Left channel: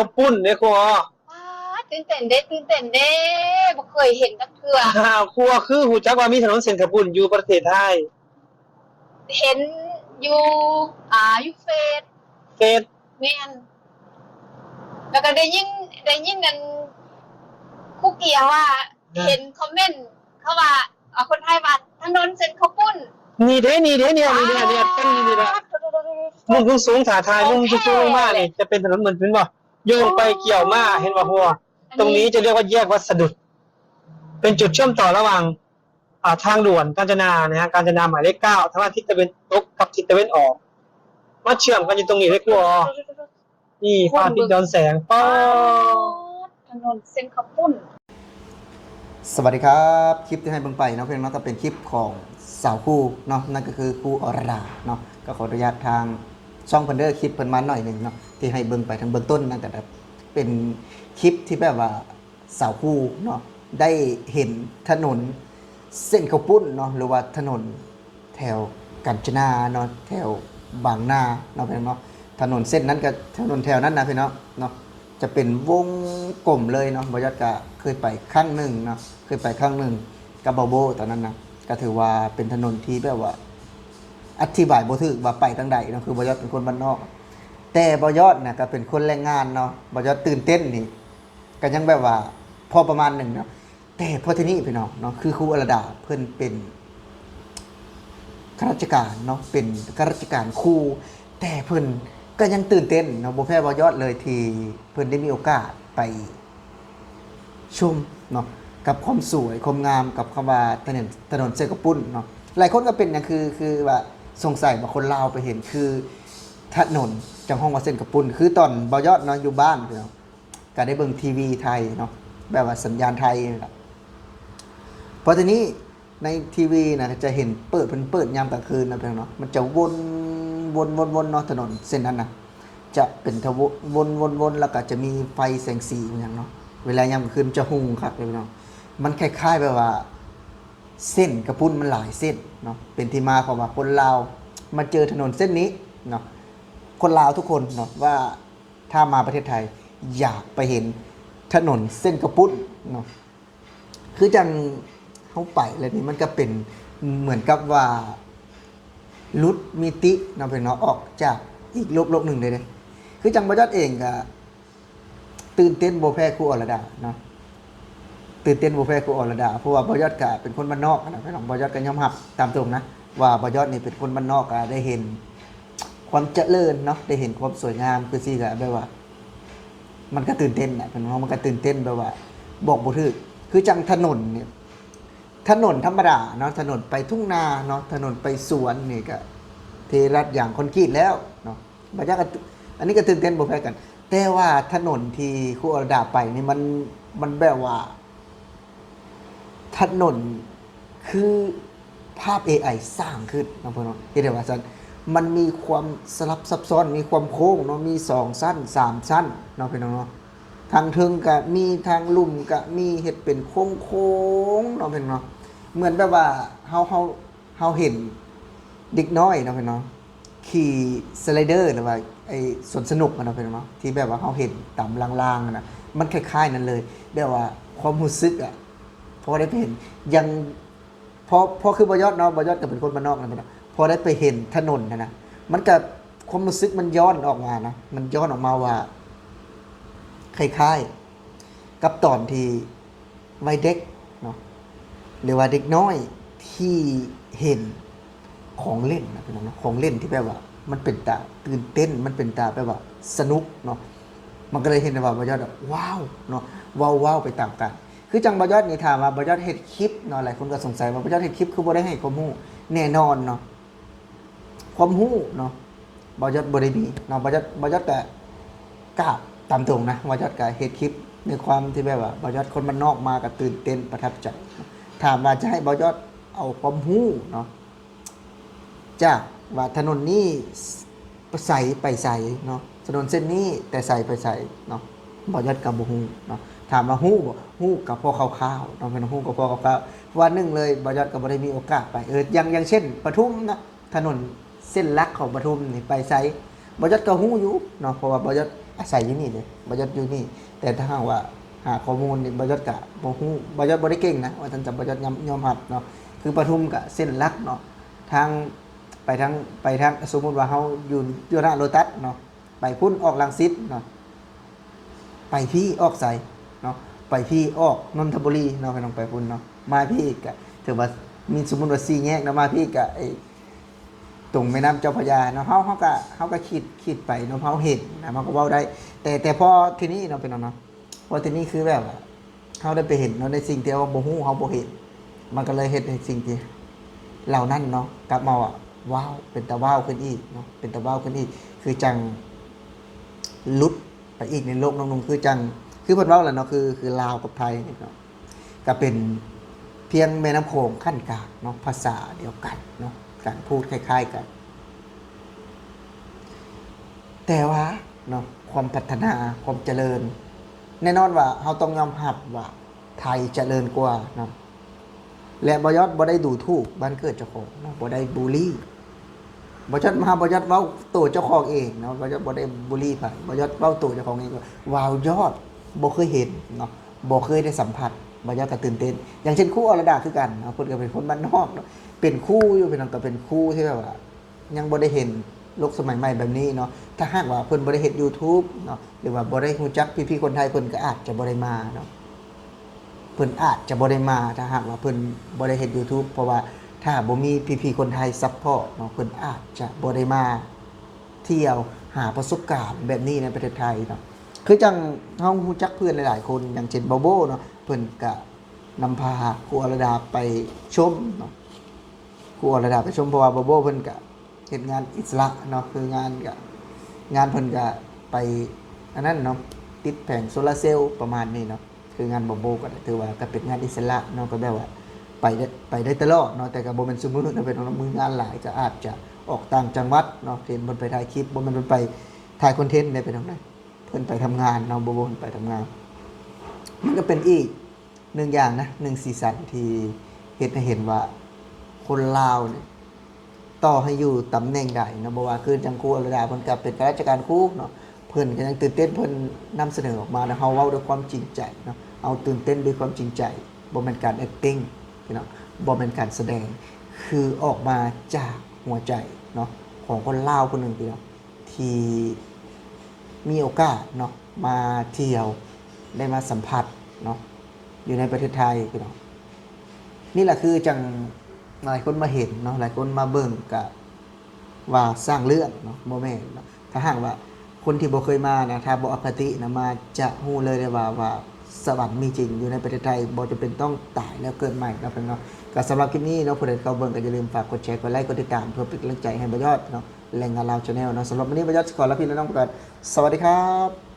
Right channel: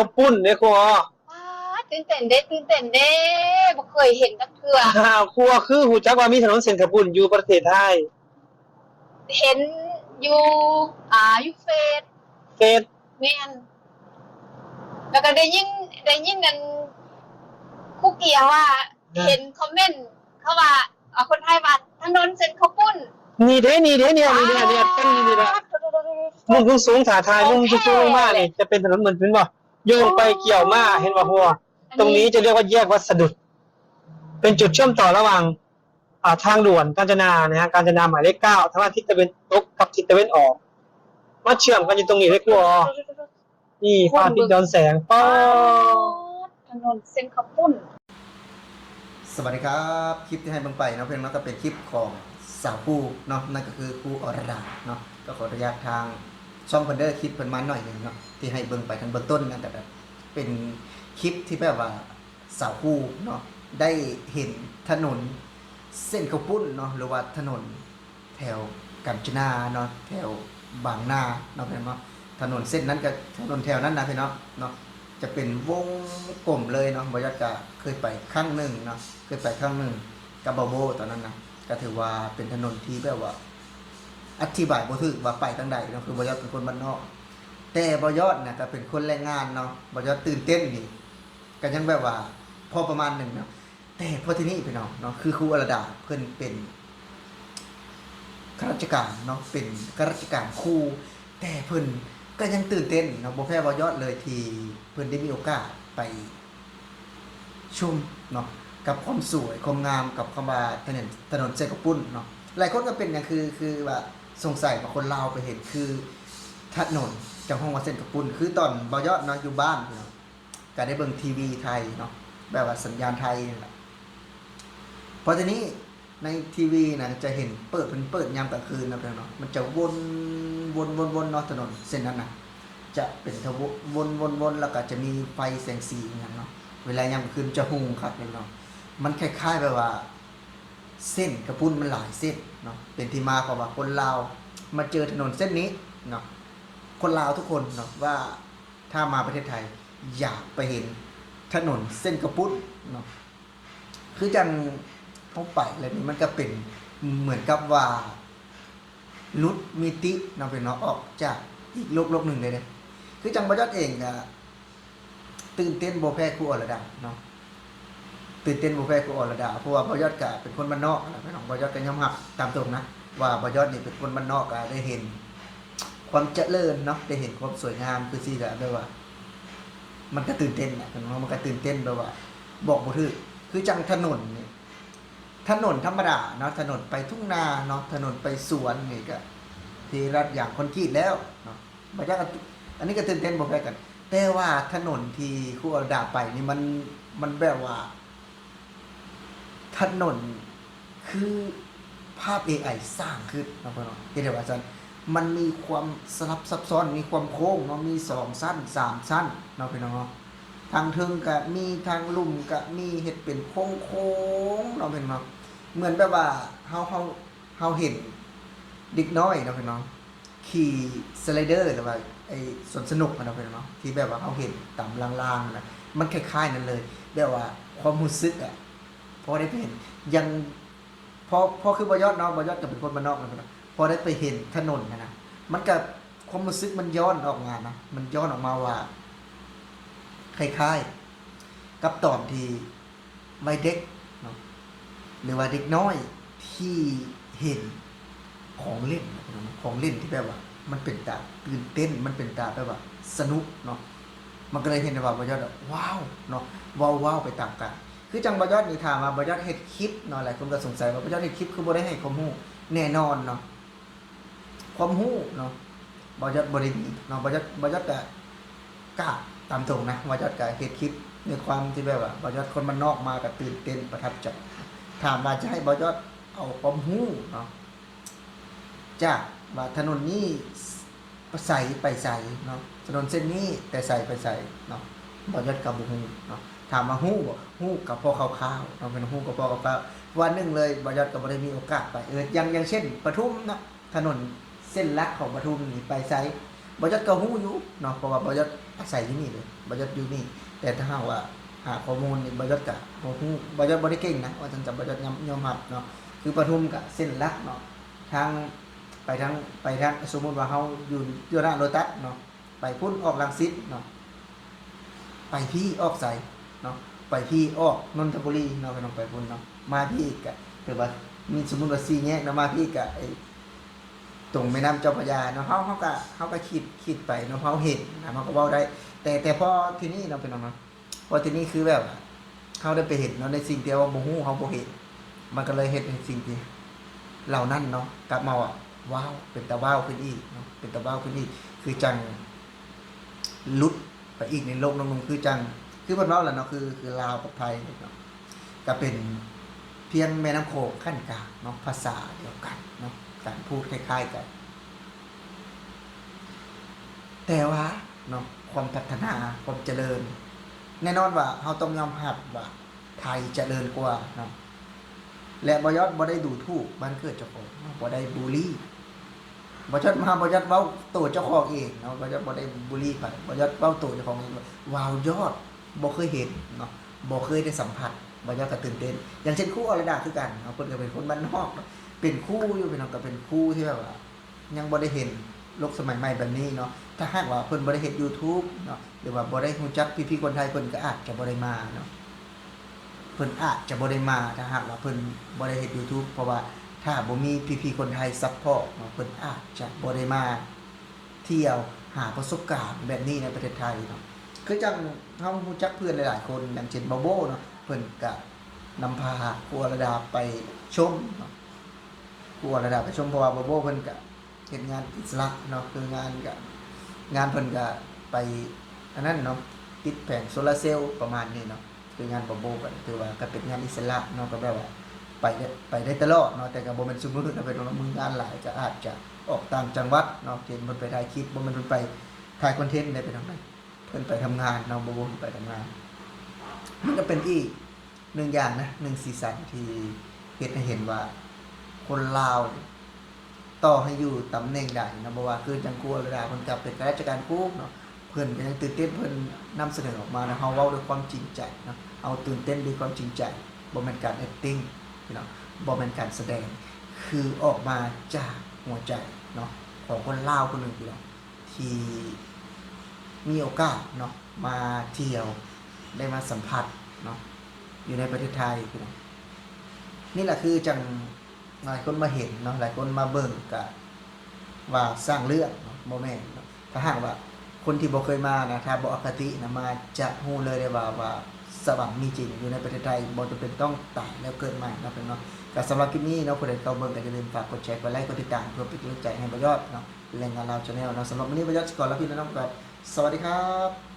ข้าวปุ้นเนี่ยครัวว้าตื่นเต้นเด้ตื่นเต้นเด้บ่เคยเห็นจักเทื่อครัวคือหูจักว่ามีถนนเส้นข้าวปุ้นอยู่ประเทศไทยเห็นอยู่อยู่เฟซเฟซแม่นแล้วก็ได้ยินกันครูเกียร์ว่าเห็นคอมเมนต์เขาว่าคนไทยว่าถนนเส้นข้าวปุ้นนี่เด้เนี่ยว้านี่เนี่ยต้นนี่แหละวมุ่งสูงถ่าทายของมุ่งแท้สูงมากเลยนี่จะเป็นถนนเหมือนเป็นบ่โยงโอ้ไปเกี่ยวมาเห็นบ่หัวตรงอันนี้นี้จะเรียกว่าแยกวัดสะดุดเป็นจุดเชื่อมต่อระหว่างทางด่วนกาญจนานะฮะกาญจนาหมายเลข9ทางทิศตะวันตกกับทิศตะวันออกมาเชื่อมกันอยู่ตรงนี้เลยครัวนี่พระอาทิตย์ย้อนแสงป๊อว้าดวถนนเส้นข้าวปุ้นสวัสดีครับคลิปที่ให้เบิ่งไปเนาะเพื่อนเนาะก็เป็นคลิปของสาวคู่เนาะนั่นก็คือคู่อรดาเนาะก็ขออนุญาตทางช่องเพิ่นเด้อคลิปเพิ่นมาหน่อยหนึงเนาะที่ให้เบิ่งไปทางเบื้องต้นนั่นแต่แบบเป็นคลิปที่แบบว่าสาวคู่เนาะได้เห็นถนนเส้นข้าวปุ้นเนาะหรือว่าถนนแถวกาญจนาเนาะแถวบางนาเนาะเพื่อนเนาะถนนเส้นนั้นกับถนนแถวนั้นนะพี่เนาะจะเป็นวงกลมเลยเนาะบอยอดก็เคยไปครั้งหนึ่งเนาะเคยไปครั้งหนึ่งกับบาโบตอนนั้นนะก็ถือว่าเป็นถนนที่แบบว่าอธิบายบ่ถูกว่าไปทางใดเนาะคือบอยอดเป็นคนบ้านนอกแต่บอยอดเนี่ยก็เป็นคนแรงงานเนาะบอยอดตื่นเต้นนี่ก็ยังแบบว่าพอประมาณหนึ่งนะแต่พอที่นี่พี่น้องเนาะคือครูอรดาเพิ่นเป็นข้าราชการเนาะเป็นข้าราชการครูแต่เพิ่นก็ยังตื่นเต้นเนาะบ่แพ้บ่ยอดเลยที่เพิ่นได้มีโอกาสไปชมเนาะกับความสวยความงามกับคำว่าถนนเส้นกระปุ้นเนาะหลายคนก็เป็นอย่างคือว่าสงสัยว่าคนลาวไปเห็นคือถนนจังห้องว่าเส้นกระปุ้นคือตอนบ่ยอดเนาะอยู่บ้านเนาะก็ได้เบิ่งทีวีไทยเนาะแบบว่าสัญญาณไทยนี่แหละพอทีนี้ในทีวีนะจะเห็นเปิดยามกลางคืนนะเพื่อนเนาะมันจะวนเนาะถนนเส้นนั้นนะจะเป็นทววนแล้วก็จะมีไฟแสงสีอย่างเนาะเวลายามกลางคืนจะหุงครับเนาะมันคล้ายๆแบบว่าเส้นกระปุ้นมันหลายเส้นเนาะเป็นที่มาของว่าคนลาวมาเจอถนนเส้นนี้เนาะคนลาวทุกคนเนาะว่าถ้ามาประเทศไทยอยากไปเห็นถนนเส้นกระปุ้นเนาะคือจังเข้าไปเลยนี่มันก็เป็นเหมือนกับว่าลุดมิติเนาะเป็นเนาะออกจากอีกโลกหนึ่งเลยคือจังบ่ยอดเองก็ตื่นเต้นบ่แพ้ครูอรดาเนาะตื่นเต้นบ่แพ้ครูอรดาเพราะว่าบ่ยอดก็เป็นคนบ้านนอกนะพี่น้องบ่ยอดก็ยอมรับตามตรงนะว่าบ่ยอดนี่เป็นคนบ้านนอกก็ได้เห็นความเจริญเนาะได้เห็นความสวยงามคือสิก็แบบว่ามันก็ตื่นเต้นน่ะพี่น้องมันก็ตื่นเต้นแบบว่าบอกบ่ถูกคือจังถนนนี่ถนนธรรมดาเนาะถนนไปทุ่งนาเนาะถนนไปสวนนี่ก็เทรัดอย่างคอนกรีตแล้วเนาะบ่ยอดก็อันนี้ก็ตื่นเต้นบ่แพ้กันแต่ว่าถนนที่ครูอรดาไปนี่มันแบบว่าถนนคือภาพ AI สร้างขึ้นเนาะเพิ่นว่าเฮ็ดให้ว่าซั่นมันมีความสลับซับซ้อนมีความโค้งเนาะมี2ชั้น3ชั้นเนาะพี่น้องเนาะทางเทิงก็มีทางลุ่มก็มีเฮ็ดเป็นโค้งๆเนาะพี่น้องเนาะเหมือนแบบว่าเฮาเห็นเด็กน้อยเนาะพี่น้องขี่สไลเดอร์หรือว่าไอ้สวนสนุกอะเนาะพี่น้องเนาะที่แบบว่าเฮาเห็นตามล่างๆนะมันคล้ายๆนั้นเลยแบบว่าความรู้สึกอะพอได้ไปเห็นยังพอคือบ่ยอดเนาะบ่ยอดก็เป็นคนบ้านนอกนะพอได้ไปเห็นถนนนะมันก็ความรู้สึกมันย้อนออกมานะมันย้อนออกมาว่าคล้ายๆกับตอนที่วัยเด็กเนาะหรือว่าเด็กน้อยที่เห็นของเล่นนะพี่น้องเนาะของเล่นที่แบบว่ามันเป็นตาตื่นเต้นมันเป็นตาแบบว่าสนุกเนาะมันก็เลยเห็นว่าบ่ยอดว้าวเนาะว้าวไปตามกันคือจังบ่ยอดนี่ถามว่าบ่ยอดเฮ็ดคลิปเนาะหลายคนก็สงสัยว่าบ่ยอดเฮ็ดคลิปคือบ่ได้ให้ความรู้แน่นอนเนาะความรู้เนาะบ่ยอดบ่ได้มีเนาะบ่ยอดก็กล้าตามตรงนะบ่ยอดก็เฮ็ดคลิปในความที่แบบว่าบ่ยอดคนบ้านนอกมาก็ตื่นเต้นประทับใจถามว่าจะให้บ่ยอดเอาความรู้เนาะจากว่าถนนนี้ใสไปใสเนาะถนนเส้นนี้แต่ใสไปใสเนาะบ่ยอดก็บ่ฮู้เนาะถามว่าฮู้บ่ฮู้กับพอคร่าวๆเนาะเป็นฮู้กับพอคร่าวๆวันหนึงเลยบ่ยอดก็บ่ได้มีโอกาสไปอย่างเช่นปทุมเนาะถนนเส้นหลักของปทุมนี่ไปไสบ่ยอดก็ฮู้อยู่เนาะเพราะว่าบ่ยอด อาศัยอยู่นี่เลยบ่ยศอยู่นี่แต่ถ้าหากว่าหาข้อมูลนี่บ่ยศก็บ่ฮู้บ่ยศบ่ได้เก่งนะว่าจังจะบ่ยศยอมรับเนาะคือปทุมก็เส้นหลักเนาะทางไปทางสมมุติว่าเฮาอยู่ทางโลตัสเนาะไปพุ่นออกรังสิตเนาะไปพี่ออกไสเนาะไปพี่ออกนนทบุรีเนาะไปลงไปพุ่นเนาะมาพี่ก็ถือว่ามีสมมุติว่า4แยกเนาะมาพี่ก็ตรงแม่น้ำเจ้าพระยาเนาะเฮาก็คิดไปเนาะเฮาเห็นนะมันก็เว้าได้ แต่พอทีนี้เนาะเป็นเนาะว่าทีนี้คือแบบว่าเฮาได้ไปเห็นเนาะในสิ่งที่ว่าบ่ฮู้เฮาบ่เห็นมันก็เลยเฮ็ดในสิ่งที่เหล่านั้นเนาะกลับมาว่าว้าวเป็นตาว้าวขึ้นอีกเนาะเป็นตาว้าวขึ้นอีกคือจังหลุดไปอีกในโลกนึงคือจังคือเพิ่นเว้าแหละเนาะคือลาวกับไทยเนาะก็เป็นเพียงแม่น้ำโขงขั้นกลางเนาะภาษาเดียวกันเนาะการพูดคล้ายๆกันแต่ว่าเนาะความพัฒนาความเจริญแน่นอนว่าเราต้องยอมรับว่าไทยเจริญกว่าเนาะและบ่ยศบ่ได้ดูถูกบ้านเกิดเจ้าของเนาะบ่ได้บูลลี่บ่ยศเว้าตัวเจ้าของเองเนาะบ่ยศบ่ได้บูลลี่ไผบ่ยศเว้าตัวเจ้าของเองว่าว้าวยอดบ่เคยเห็นเนาะบ่เคยได้สัมผัสบ่ยศก็ตื่นเต้นอย่างเช่นครูอรดาคือกันเนาะเพิ่นก็เป็นคนบ้านนอกเนาะเป็นครูอยู่เป็นก็เป็นครูที่แบบว่ายังบ่ได้เห็นโลกสมัยใหม่แบบนี้เนาะถ้าหากว่าเพิ่นบ่ได้เฮ็ด YouTube เนาะหรือว่าบ่ได้รู้จักพี่ๆคนไทยเพิ่นก็อาจจะบ่ได้มาเนาะเพิ่นอาจจะบ่ได้มาถ้าหากว่าเพิ่นบ่ได้เฮ็ด YouTube เพราะว่าถ้าบ่มีพี่ๆคนไทยซัพพอร์ตเนาะเพิ่นอาจจะบ่ได้มาเที่ยวหาประสบการณ์แบบนี้ในประเทศไทยเนาะคือจังเฮารู้จักเพื่อนหลายๆคนอย่างเช่นโบโบเนาะเพิ่นก็นำพาครูอรดาไปชมเนาะครูอรดาไปชมเพราะว่าโบโบเพิ่นก็เฮ็ดงานอิสระเนาะคืองานเพิ่นก็ไปอันนั้นเนาะติดแผงโซลาร์เซลล์ประมาณนี้เนาะคืองานบ่ก็ถือว่าก็เป็นงานอิสระเนาะก็แบบว่าไปได้ตลอดเนาะแต่ก็บ่แม่นสมมุติว่าเป็นมืองานหลายจะอาจจะออกต่างจังหวัดเนาะเช่นเพิ่นไปถ่ายคลิปบ่แม่นเพิ่นไปถ่ายคอนเทนต์ได้ไปทางไหนเพิ่นไปทำงานเนาะบ่ไปทำงานมันก็เป็นอีกหนึ่งอย่างนะหนึ่งสีสันที่เฮ็ดให้เห็นว่าคนลาวเนี่ยต่อให้อยู่ตำแหน่งใดเนาะบ่ว่าคือจังครูอรดาเพิ่นก็เป็นข้าราชการครูเนาะเพิ่นก็ยังตื่นเต้นเพิ่นนำเสนอออกมาเนาะเฮาเว้าด้วยความจริงใจเนาะเอาตื่นเต้นด้วยความจริงใจบ่แม่นการ acting พี่น้องบ่แม่นการแสดงคือออกมาจากหัวใจเนาะของคนลาวคนหนึงพี่น้องที่มีโอกาสเนาะมาเที่ยวได้มาสัมผัสเนาะอยู่ในประเทศไทยพี่น้องนี่แหละคือจังหลายคนมาเห็นเนาะหลายคนมาเบิ่งก็ว่าสร้างเรื่องเนาะบ่แม่นเนาะถ้าหากว่าคนที่บ่เคยมานะถ้าบ่อคตินะมาจะฮู้เลยได้ว่าสวรรค์มีจริงอยู่ในประเทศไทยบ่จำเป็นต้องตายแล้วเกิดใหม่นะเพิ่นเนาะก็สำหรับคลิปนี้เนาะผู้ใดเข้าเบิ่งก็อย่าลืมฝากกดแชร์กดไลค์กดติดตามเพื่อเป็นกำลังใจให้บ่ยอดเนาะแรงงานลาว Channel เนาะสำหรับวันนี้บ่ยอดขอลาพี่น้องไปก่อนสวัสดีครับ